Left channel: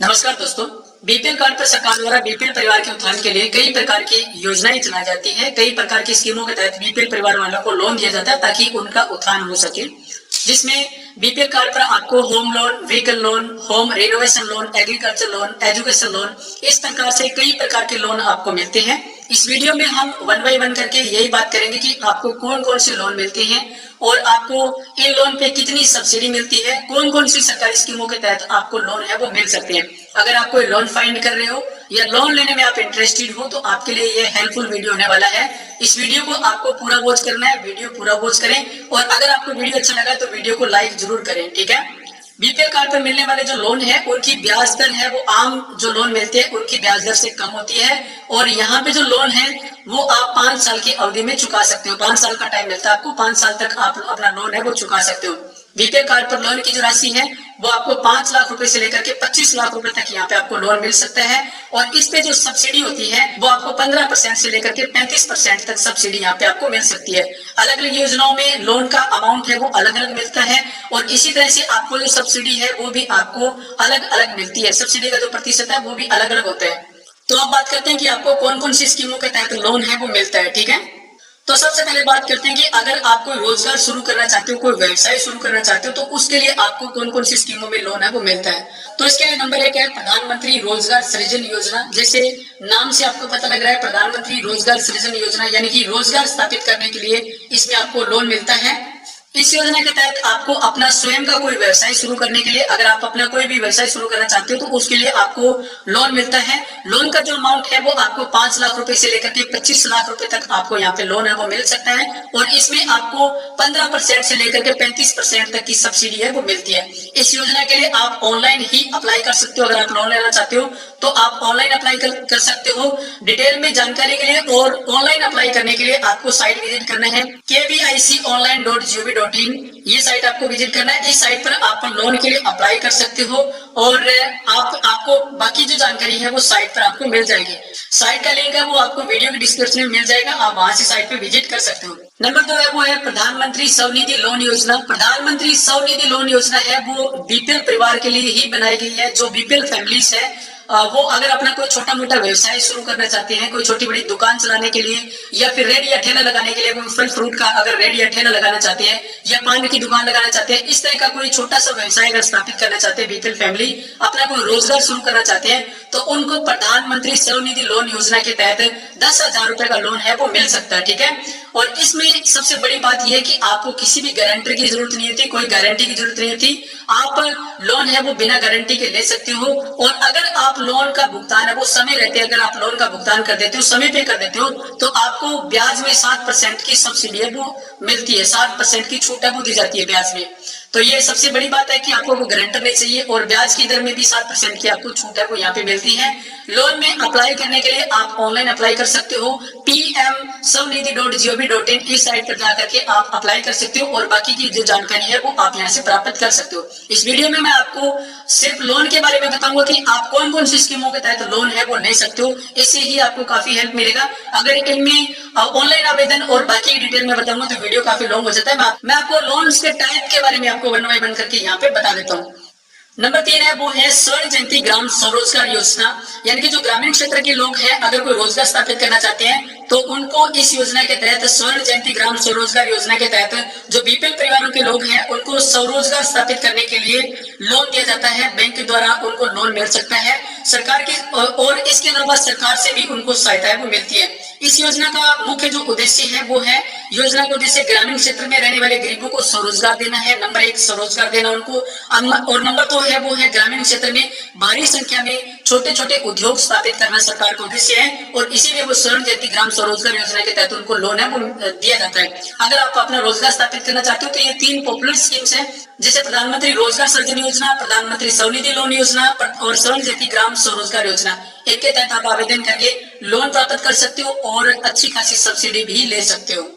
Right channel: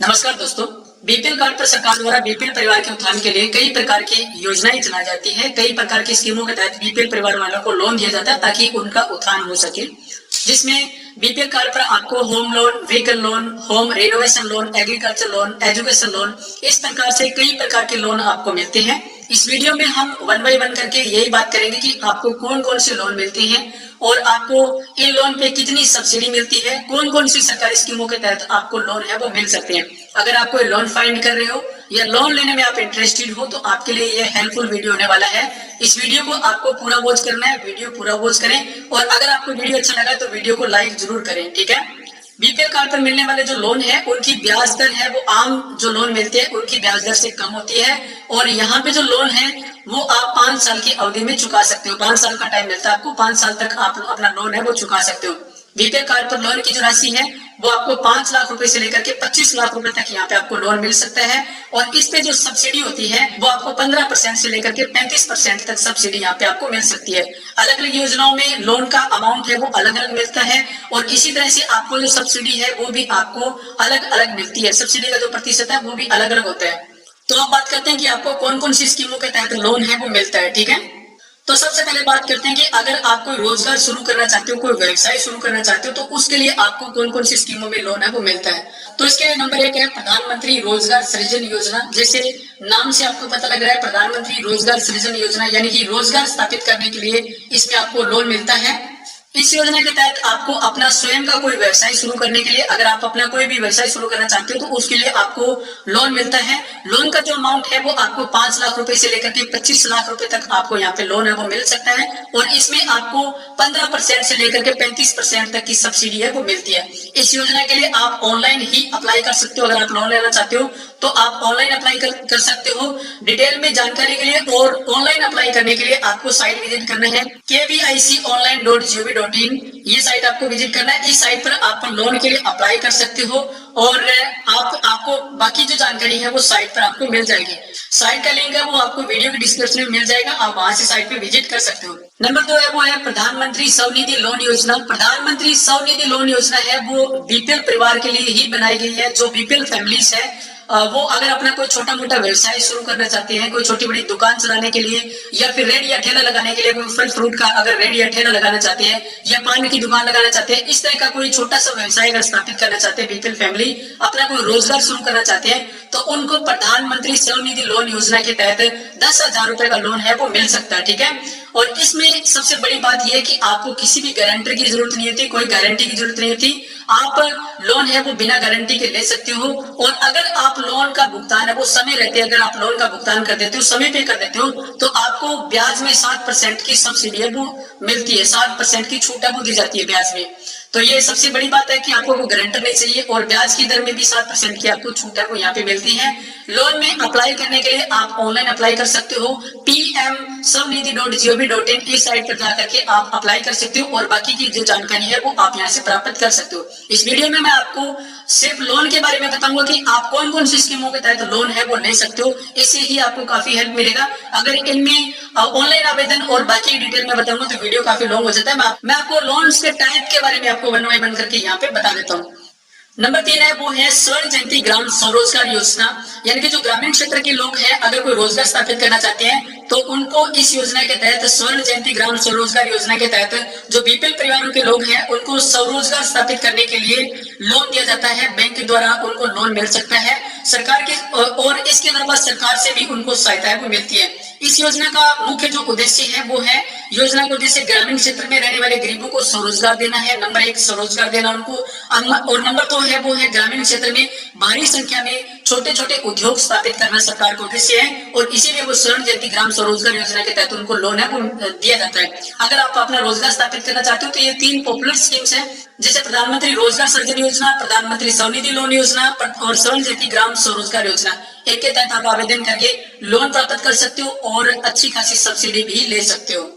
नमस्कार दोस्तों। BPL card पर सरकार द्वारा बीपीएल परिवार के उत्थान के लिए कई प्रकार की योजनाएं चलाई जाती है। कई प्रकार की स्कीमों के तहत बीपीएल परिवार वालों को लोन दिया जाता है ताकि उनका उत्थान हो सके, जिसमें बीपीएल कार्ड पर आपको home loan, vehicle loan, home renovation loan, agriculture loan, education loan, इस प्रकार से कई प्रकार के लोन आपको मिलते हैं। इस वीडियो में हम वन बाय वन करके यही बात करेंगे कि आपको कौन कौन से लोन मिलते हैं और आपको इन लोन पे कितनी सब्सिडी मिलती है, कौन कौन सी सरकारी स्कीमों के तहत आपको लोन है वो मिल सकते हैं। अगर आप कोई लोन फाइंड कर रहे हो या लोन लेने में आप इंटरेस्टेड हो तो आपके लिए ये हेल्पफुल वीडियो होने वाला है। इस वीडियो को आपको पूरा वॉच करना है, वीडियो पूरा वॉच करें और अगर आपको वीडियो अच्छा लगा तो वीडियो को लाइक जरूर करें, ठीक है। बीपीएल कार्ड पर मिलने वाले जो लोन है उनकी ब्याज दर है वो आम जो लोन मिलते हैं उनकी ब्याज दर से कम होती है और यहाँ पे जो लोन है वो आप 5 साल की अवधि में चुका सकते हो। 5 साल का टाइम मिलता है आपको, 5 साल तक आप अपना लोन है वो चुका सकते हो। बीपीएल कार्ड पर लोन की जो राशि है वो आपको 5 लाख रुपए से लेकर के 25 लाख रुपए तक यहाँ पे आपको लोन मिल सकता है और इस पे जो सब्सिडी होती है वो आपको 15% से लेकर के 35% तक सब्सिडी यहाँ पे आपको मिल सकती है। अलग अलग योजनाओं में लोन का अमाउंट है वो अलग अलग मिलता है और इसी तरह से आपको जो सब्सिडी है वो भी आपको अलग अलग मिलती है। सब्सिडी का जो प्रतिशत है वो भी अलग अलग होता है। तो अब बात करते हैं कि आपको कौन कौन सी स्कीमों के तहत लोन है वो मिलता है, ठीक है। तो सबसे पहले बात करते हैं कि अगर आप कोई रोजगार शुरू करना चाहते हो, कोई व्यवसाय शुरू करना चाहते हो तो उसके लिए आपको कौन कौन सी स्कीमों में लोन है वो मिलता है। तो इसके लिए नंबर 1 है प्रधानमंत्री रोजगार सृजन योजना। जैसे नाम से आपको पता लग रहा है प्रधानमंत्री रोजगार सृजन योजना, यानी कि रोजगार स्थापित करने के लिए इसमें आपको लोन मिलता है। इस योजना के तहत आपको अपना स्वयं का कोई व्यवसाय शुरू करने के लिए, अगर आप अपना कोई भी व्यवसाय शुरू करना चाहते हो तो उसके लिए आपको लोन मिलता है। लोन का जो अमाउंट है वो आपको 5 लाख रुपए से लेकर के 25 लाख रुपए तक आपको यहाँ पे लोन है वो मिल सकता है और इसमें आपको 15% से लेकर के 35% तक की सब्सिडी है वो मिलती है। इस योजना के लिए आप ऑनलाइन ही अप्लाई कर सकते हो। अगर आप लोन लेना चाहते हो तो आप ऑनलाइन अप्लाई कर सकते हो। डिटेल में जानकारी के लिए और ऑनलाइन अप्लाई करने के लिए आपको साइट विजिट करना है kviconline.gov.in। ये साइट आपको विजिट करना है। इस साइट पर आप लोन के लिए अप्लाई कर सकते हो और आपको बाकी जो जानकारी है वो साइट पर आपको मिल जाएगी। साइट का लिंक है वो आपको वीडियो के डिस्क्रिप्शन में मिल जाएगा, आप वहां से साइट पे विजिट कर सकते हो। नंबर 2 है वो है प्रधानमंत्री स्वनिधि लोन योजना। प्रधानमंत्री स्वनिधि लोन योजना है वो बीपीएल परिवार के लिए ही बनाई गई है। जो बीपीएल फैमिलीज है वो अगर अपना कोई छोटा मोटा व्यवसाय शुरू करना चाहते हैं, कोई छोटी बड़ी दुकान चलाने के लिए या फिर रेडी या ठेला लगाने के लिए, कोई फल फ्रूट का अगर रेडी या ठेला लगाना चाहते हैं या पान की दुकान लगाना चाहते हैं, इस तरह का कोई छोटा सा व्यवसाय अगर स्थापित करना चाहते हैं, बीपीएल फैमिली अपना कोई रोजगार शुरू करना चाहते हैं तो उनको प्रधानमंत्री स्वनिधि लोन योजना के तहत 10,000 रुपए का लोन है वो मिल सकता है, ठीक है। और इसमें सबसे बड़ी बात यह है कि आपको किसी भी गारंटर की जरूरत नहीं होती, कोई गारंटी की जरूरत नहीं होती। आप लोन है वो बिना गारंटी के ले सकते हो और अगर आप लोन का भुगतान है वो समय रहते, अगर आप लोन का भुगतान कर देते हो, समय पे कर देते हो तो आपको ब्याज में 7% की सब्सिडी है वो मिलती है, 7% की छूट है वो दी जाती है ब्याज में। तो ये सबसे बड़ी बात है कि आपको कोई गारंटर नहीं चाहिए और ब्याज की दर में भी 7% की आपको छूट है वो यहाँ पे मिलती है। लोन में अप्लाई करने के लिए आप ऑनलाइन अप्लाई कर सकते हो pmswanidhi.gov.in। इस साइट पर जाकर के आप अप्लाई कर सकते हो और बाकी की जो जानकारी है वो आप यहाँ से प्राप्त कर सकते हो। इस वीडियो में मैं आपको सिर्फ लोन के बारे में बताऊंगा कि आप कौन कौन सी स्कीमों के तहत लोन है वो ले सकते हो। इससे ही आपको काफी हेल्प मिलेगा। अगर इनमें ऑनलाइन आवेदन और बाकी डिटेल में बताऊंगा तो वीडियो काफी लॉन्ग हो जाता है। मैं आपको लोन्स के टाइप के बारे में आपको वन बाय वन करके यहाँ पे बता देता हूँ। नंबर 3 है वो है स्वर्ण जयंती ग्राम स्वरोजगार योजना, यानी कि जो ग्रामीण क्षेत्र के लोग हैं अगर कोई रोजगार स्थापित करना चाहते हैं तो उनको इस योजना के तहत स्वर्ण जयंती ग्राम स्वरोजगार योजना के तहत जो बीपीएल परिवारों के लोग हैं उनको स्वरोजगार स्थापित करने के लिए लोन दिया जाता है। बैंक के द्वारा उनको लोन मिल सकता है सरकार की और इसके अलावा सरकार से भी उनको सहायता है वो मिलती है। इस योजना का मुख्य जो उद्देश्य है वो है, योजना का उद्देश्य ग्रामीण क्षेत्र में रहने वाले गरीबों को स्वरोजगार देना है। नंबर 1 स्वरोजगार देना उनको और नंबर 2 है वो है ग्रामीण क्षेत्र में भारी संख्या में छोटे छोटे उद्योग स्थापित करना सरकार का उद्देश्य है और इसीलिए वो स्वर्ण जयंती ग्राम स्वरोजगार योजना के तहत उनको लोन है वो दिया जाता है। अगर आप अपना रोजगार स्थापित करना चाहते हो तो ये 3 पॉपुलर स्कीम्स है, जैसे प्रधानमंत्री रोजगार सृजन योजना, प्रधानमंत्री स्वनिधि लोन योजना और स्वर्ण जयंती ग्राम स्वरोजगार योजना। इनके तहत आप आवेदन करके लोन प्राप्त कर सकते हो और अच्छी खासी सब्सिडी भी ले सकते हो।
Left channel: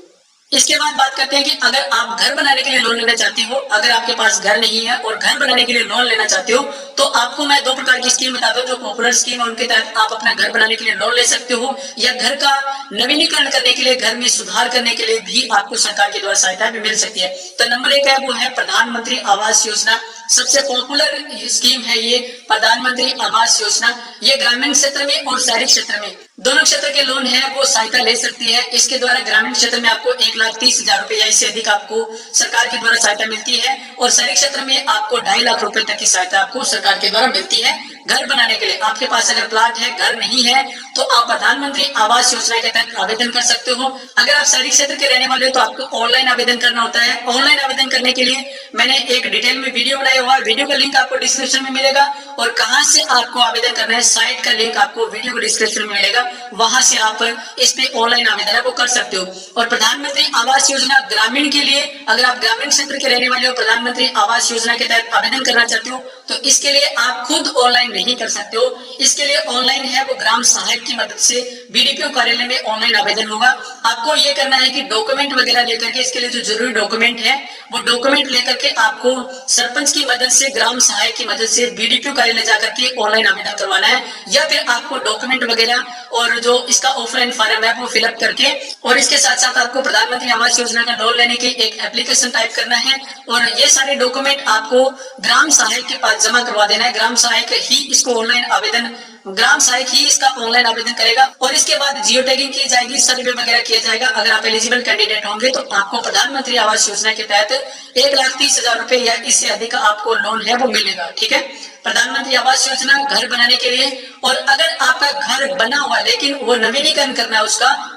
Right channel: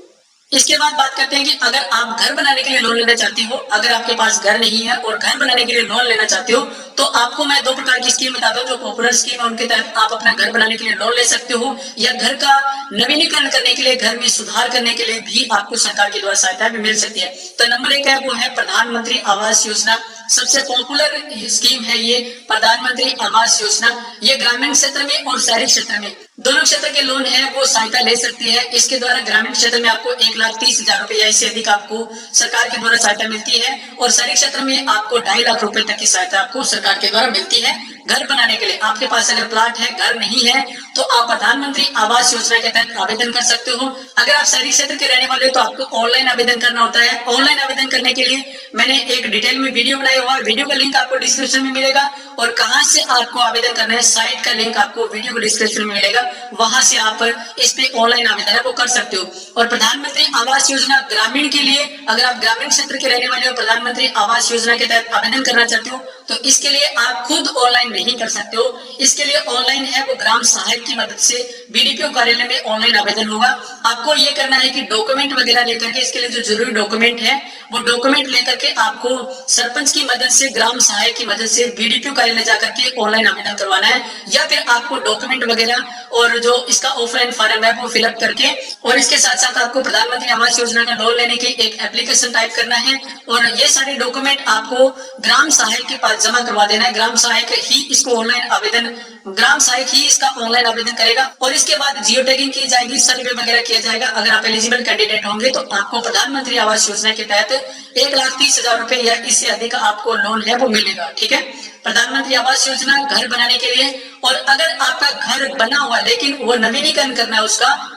इसके बाद बात करते हैं कि अगर आप घर बनाने के लिए लोन लेना चाहते हो, अगर आपके पास घर नहीं है और घर बनाने के लिए लोन लेना चाहते हो तो आपको मैं 2 प्रकार की स्कीम बता दूं जो पॉपुलर स्कीम है उनके तहत आप अपना घर बनाने के लिए लोन ले सकते हो या घर का नवीनीकरण करने के लिए, घर में सुधार करने के लिए भी आपको सरकार के द्वारा सहायता भी मिल सकती है। तो नंबर 1 है वो है प्रधानमंत्री आवास योजना। सबसे पॉपुलर स्कीम है ये प्रधानमंत्री आवास योजना। ये ग्रामीण क्षेत्र में और शहरी क्षेत्र में दोनों क्षेत्र के लोन है वो सहायता ले सकती है। इसके द्वारा ग्रामीण क्षेत्र में आपको 1,30,000 रुपए या इससे अधिक आपको सरकार के द्वारा सहायता मिलती है और शहरी क्षेत्र में आपको 2.5 लाख रुपए तक की सहायता आपको सरकार के द्वारा मिलती है घर बनाने के लिए। आपके पास अगर प्लाट है, घर नहीं है, तो आप प्रधानमंत्री आवास योजना के तहत आवेदन कर सकते हो। अगर आप शहरी क्षेत्र के रहने वाले हो तो आपको ऑनलाइन आवेदन करना होता है। ऑनलाइन आवेदन करने के लिए मैंने एक डिटेल में वीडियो बनाया हुआ है, वीडियो का लिंक आपको डिस्क्रिप्शन में मिलेगा और कहां से आपको आवेदन करना है साइट का लिंक आपको वीडियो को डिस्क्रिप्शन में मिलेगा, वहां से आप इस पे ऑनलाइन आवेदन है वो कर सकते हो। और प्रधानमंत्री आवास योजना ग्रामीण के लिए, अगर आप ग्रामीण क्षेत्र के रहने वाले हो, प्रधानमंत्री आवास योजना के तहत आवेदन करना चाहते हो तो इसके लिए आप खुद ऑनलाइन नहीं कर सकते हो। इसके लिए ऑनलाइन है वो ग्राम सहायक की मदद से बीडीपीओ कार्यालय में ऑनलाइन आवेदन होगा। आपको ये करना है कि डॉक्यूमेंट वगैरह लेकर के, इसके लिए जो जरूरी डॉक्यूमेंट है वो डॉक्यूमेंट लेकर के आपको सरपंच की मदद से, ग्राम सहायक की मदद से बीडीपीओ कार्यालय जाकर के ऑनलाइन आवेदन करवाना है, या फिर आपको डॉक्यूमेंट वगैरह और जो इसका ऑफलाइन फॉर्म है वो फिलअप करके और इसके साथ साथ आपको प्रधानमंत्री आवास योजना का लोन लेने की एक एप्लीकेशन टाइप करना है और ये सारे डॉक्यूमेंट आपको ग्राम सहायक के पास जमा करवा देना है। ग्राम सहायक ही इसको ऑनलाइन आवेदन, ग्राम सहायक ही इसका ऑनलाइन आवेदन करेगा और इसके बाद जियो टैगिंग की जाएगी, सर्वे वगैरह किया जाएगा। अगर आप एलिजिबल कैंडिडेट होंगे तो आपको प्रधानमंत्री आवास योजना के तहत 1,30,000 रुपए या इससे अधिक आपको लोन है वो मिलेगा। ठीक है, प्रधानमंत्री आवास योजना घर बनाने के लिए। और अगर आपका घर बना हुआ लेकिन वो नवीनीकरण करना है,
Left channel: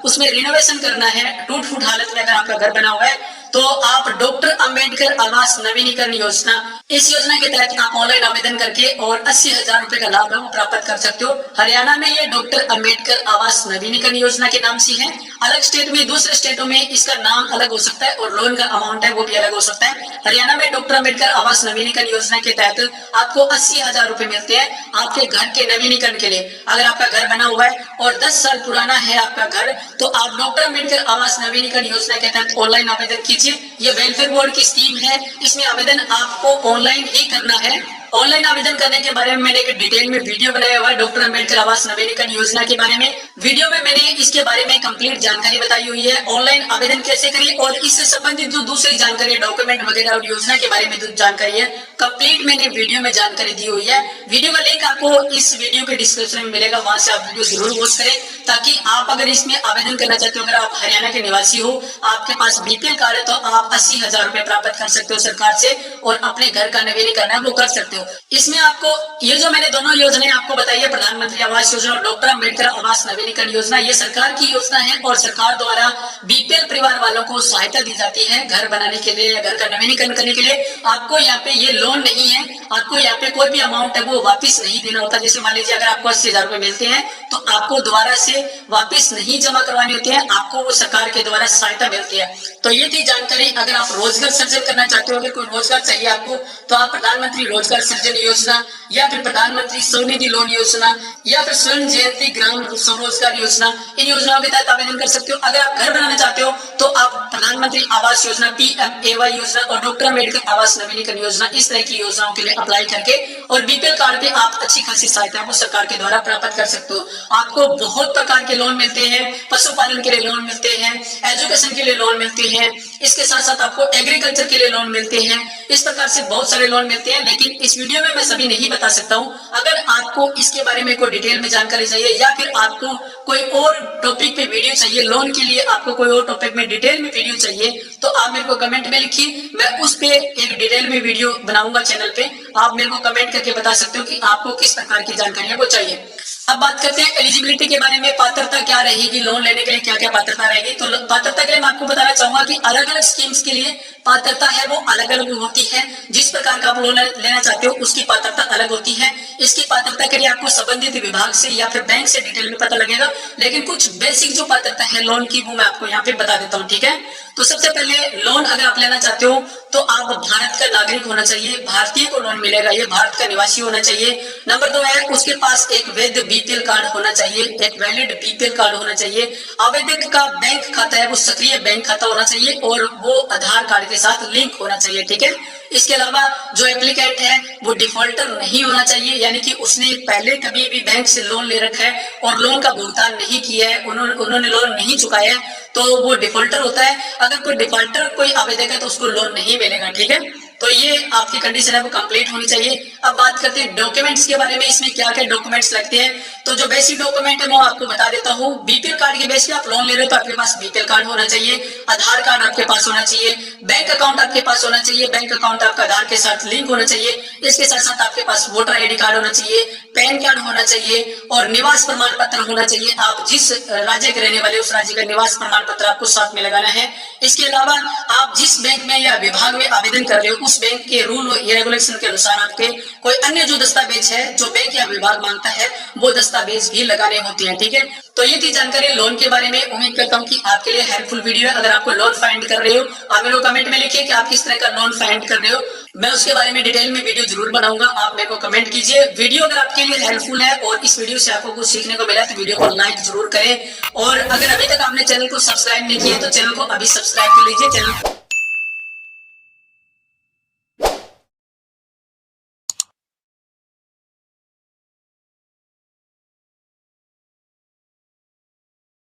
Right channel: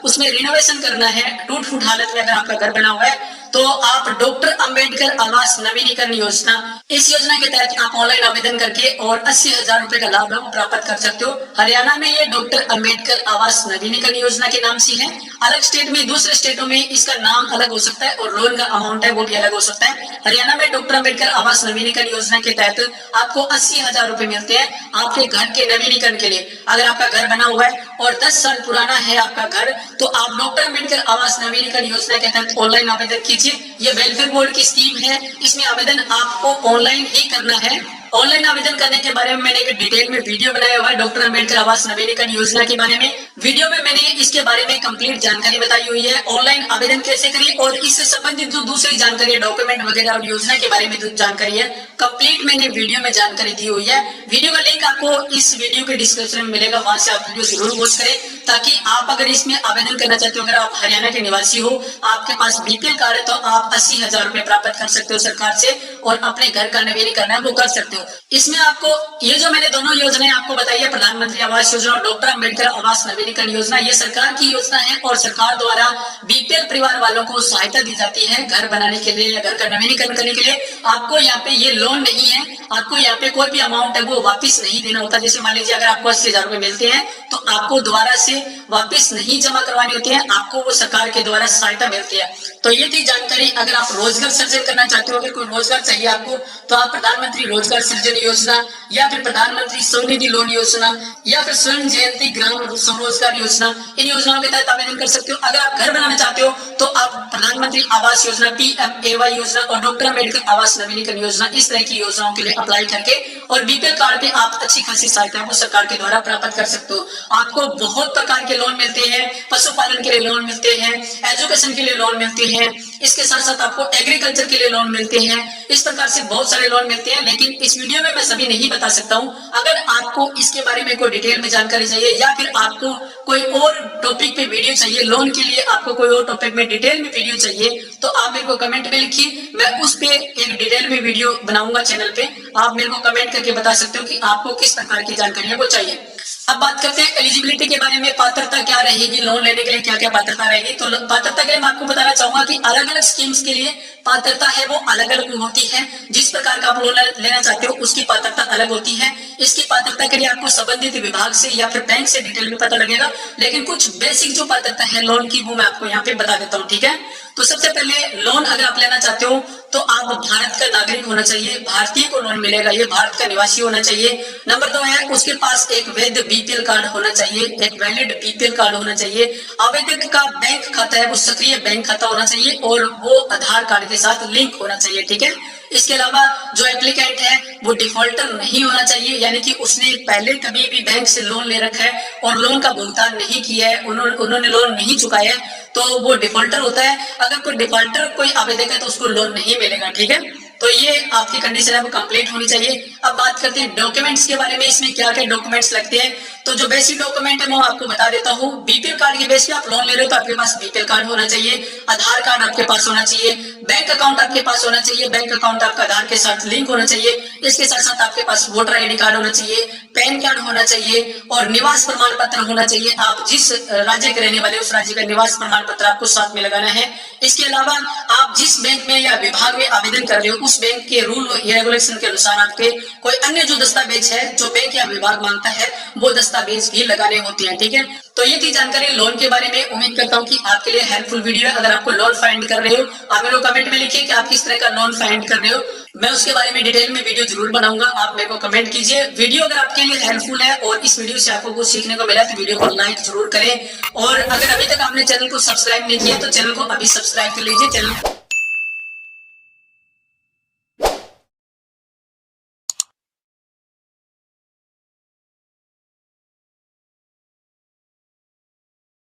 उसमें रिनोवेशन करना है, टूट फूट हालत में अगर आपका घर बना हुआ है तो आप डॉक्टर अंबेडकर आवास नवीनीकरण योजना, इस योजना के तहत आप ऑनलाइन आवेदन करके और 80,000 रुपए का लाभ है वो प्राप्त कर सकते हो। हरियाणा में ये डॉक्टर अंबेडकर आवास नवीनीकरण योजना के नाम से है। अलग स्टेट में, दूसरे स्टेटों में इसका नाम अलग हो सकता है और लोन का अमाउंट है वो भी अलग हो सकता है। हरियाणा में डॉक्टर अंबेडकर आवास नवीनीकरण योजना के तहत आपको 80,000 रुपए मिलते हैं आपके घर के नवीनीकरण के लिए। अगर आपका घर बना हुआ है और 10 साल पुराना है आपका घर, तो आप डॉक्टर अंबेडकर आवास नवीनीकरण योजना के तहत ऑनलाइन आवेदन कीजिए। ये वेलफेयर बोर्ड की स्कीम है, इसमें आवेदन आपको ऑनलाइन ही करना है। ऑनलाइन आवेदन करने के बारे में मैंने एक डिटेल में वीडियो बनाया हुआ है डॉक्टर अंबेडकर आवास नवीनीकरण योजना के बारे में। वीडियो में मैंने इसके बारे में कंप्लीट जानकारी बताई हुई है, ऑनलाइन आवेदन कैसे करें और इससे संबंधित जो दूसरी जानकारी, डॉक्यूमेंट वगैरह और योजना के बारे में जो जानकारी है कंप्लीट मैंने वीडियो में जानकारी दी हुई है। वीडियो का लिंक आपको इस वीडियो के डिस्क्रिप्शन में मिलेगा, वहां से आप वीडियो जरूर वॉच करें ताकि आप अगर इसमें आवेदन करना चाहते हो, अगर आप हरियाणा के निवासी हो, आपके पास बीपीएल कार्ड है तो आप 80,000 रुपए प्राप्त कर सकते हो सरकार से और अपने घर का नवीनीकरण है वो कर सकते हो। इसमें आपको ये जो मैंने दोनों योजनाएं आपको बताई है, प्रधानमंत्री आवास योजना और डॉक्टर अंबेडकर आवास नवीनीकरण योजना, ये सरकार की योजना है और सरकार द्वारा बीपीएल परिवार वालों को सहायता दी जाती है घर बनाने के लिए या घर का नवीनीकरण करने के लिए। आपको यहाँ पे ये लोन नहीं है, आपको यहाँ पे कोई भी अमाउंट है वो वापिस नहीं देना होता। जैसे मान लीजिए अगर आपको 80,000 रुपए मिलते हैं तो आपको दोबारा से वापिस नहीं जमा करवाने होते हैं, आपको वो सरकार के द्वारा सहायता मिलती है। तो ये थी जानकारी। अगर आप रोजगार सृजन करना चाहते हो, अगर कोई रोजगार चाहिए आपको, तो आप प्रधानमंत्री रोजगार सृजन योजना या फिर प्रधानमंत्री स्वनिधि लोन योजना या फिर स्वर्ण जयंती ग्राम स्वरोजगार योजना, इन योजनाओं के तहत आवेदन कर सकते हो। अगर आप घर बनाना चाहते हो तो आप प्रधानमंत्री आवास योजना, PMAY योजना और डॉक्टर अंबेडकर आवास नवीनीकरण योजना, इस तरह की योजनाओं के लिए अप्लाई करके और बीपीएल कार्ड पे आप अच्छी खासी सहायता वो सरकार के द्वारा प्राप्त कर सकते हो। आपको बहुत प्रकार के लोन मिलते हैं, पशुपालन के लिए लोन मिलते हैं, एजुकेशन के लिए लोन मिलते हैं, इसके साथ साथ आपको एग्रीकल्चर के लिए लोन मिलते हैं। इस प्रकार से बहुत सारे लोन मिलते हैं, लेकिन इस वीडियो में मैं सभी नहीं बता सकता हूं। अगर आपको इसके बारे में कोई डिटेल में जानकारी चाहिए या फिर आपको कोई और टॉपिक पे वीडियो चाहिए, लोन के लिए आपको कोई और टॉपिक में डिटेल में वीडियो चाहिए, तो आप मेरे को कमेंट में लिखिए, मैं उस पे एक डिटेल में वीडियो बनाऊंगा चैनल पे। आप मेरे को कमेंट करके बता सकते हो कि आपको किस प्रकार की जानकारी है वो चाहिए। अब बात करते हैं एलिजिबिलिटी के बारे में, पात्रता क्या रहेगी, लोन लेने के लिए क्या क्या पात्रता रहेगी। तो पात्रता के लिए मैं आपको बताना चाहूंगा कि अलग अलग स्कीम्स के लिए पात्रता है वो अलग अलग होती है। जिस प्रकार का आप लोन लेना चाहते हो उसकी पात्रता अलग होती है। इसकी पात्रता के लिए आपको संबंधित विभाग से या फिर बैंक से डिटेल में पता लगेगा, लेकिन कुछ बेसिक जो पात्रता है लोन की वो मैं आपको यहाँ पे बता देता हूँ। ठीक है, तो सबसे पहले लोन अगर आप लेना चाहते हो तो आप भारत का नागरिक होना चाहिए, भारतीय को लोन मिलेगा, ये भारत का निवासी होना चाहिए। नंबर 2 है उसके पास एक वैध बीपीएल कार्ड होना चाहिए, एक वैलिड बीपीएल कार्ड होना चाहिए। आवेदक का बैंक खाता है वो सक्रिय बैंक खाता होना चाहिए और वो आधार कार्ड के साथ लिंक होना चाहिए। ठीक है, इसके अलावा जो एप्लीकेंट है वो डिफॉल्टर नहीं होना चाहिए, यानी कि उसने पहले कभी भी बैंक से लोन ले रखा है और लोन का भुगतान नहीं किया है, उन्होंने लोन नहीं चुकाया है, तो वो डिफॉल्टर होता है। अगर कोई डिफॉल्टर कोई आवेदक है तो उसको लोन नहीं मिलेगा। ठीक है, तो ये आपकी कंडीशन है वो कंप्लीट होनी चाहिए। अब बात करते हैं डॉक्यूमेंट्स के बारे में, इसमें क्या क्या डॉक्यूमेंट्स लगते हैं। तो जो बेसिक डॉक्यूमेंट है मैं आपको बता देता हूँ। बीपीएल कार्ड के बेस पे आप लोन ले रहे हो तो आपके पास बीपीएल कार्ड होना चाहिए, आधार कार्ड आपके पास होना चाहिए, बैंक अकाउंट आपके पास होना चाहिए, बैंक अकाउंट आपका आधार के साथ लिंक होना चाहिए। इसके साथ साथ आपके पास वोटर आईडी कार्ड होना चाहिए, पैन कार्ड होना चाहिए और निवास प्रमाण पत्र होना चाहिए। आप जिस राज्य के रहने वाले उस राज्य का निवास प्रमाण पत्र आपको साथ में लगाना है। इसके अलावा आप जिस बैंक में या विभाग में आवेदन कर रहे हो उस बैंक के रूल या रेगुलेशन के अनुसार आपके कोई अन्य जो दस्तावेज है जो बैंक या विभाग मांगता है वो दस्तावेज भी लगाने होते हैं। ठीक है, तो ये थी जानकारी लोन के बारे में। उम्मीद करता हूँ कि आपके लिए हेल्पफुल वीडियो है। अगर आपको लोन फाइंड कर रहे हो आप मेरे को कमेंट में लिखिए कि आप किस तरह का लोन फाइंड कर रहे हो, मैं उसके बारे में डिटेल में वीडियो जरूर बनाऊंगा। आप मेरे को कमेंट कीजिए। वीडियो अगर आपके लिए हेल्पफुल है और इस वीडियो से आपको कुछ सीखने को मिला तो वीडियो को लाइक जरूर करें। और अगर अभी तक आपने चैनल को सब्सक्राइब नहीं किया तो चैनल को अभी सब्सक्राइब कर लीजिए। चैनल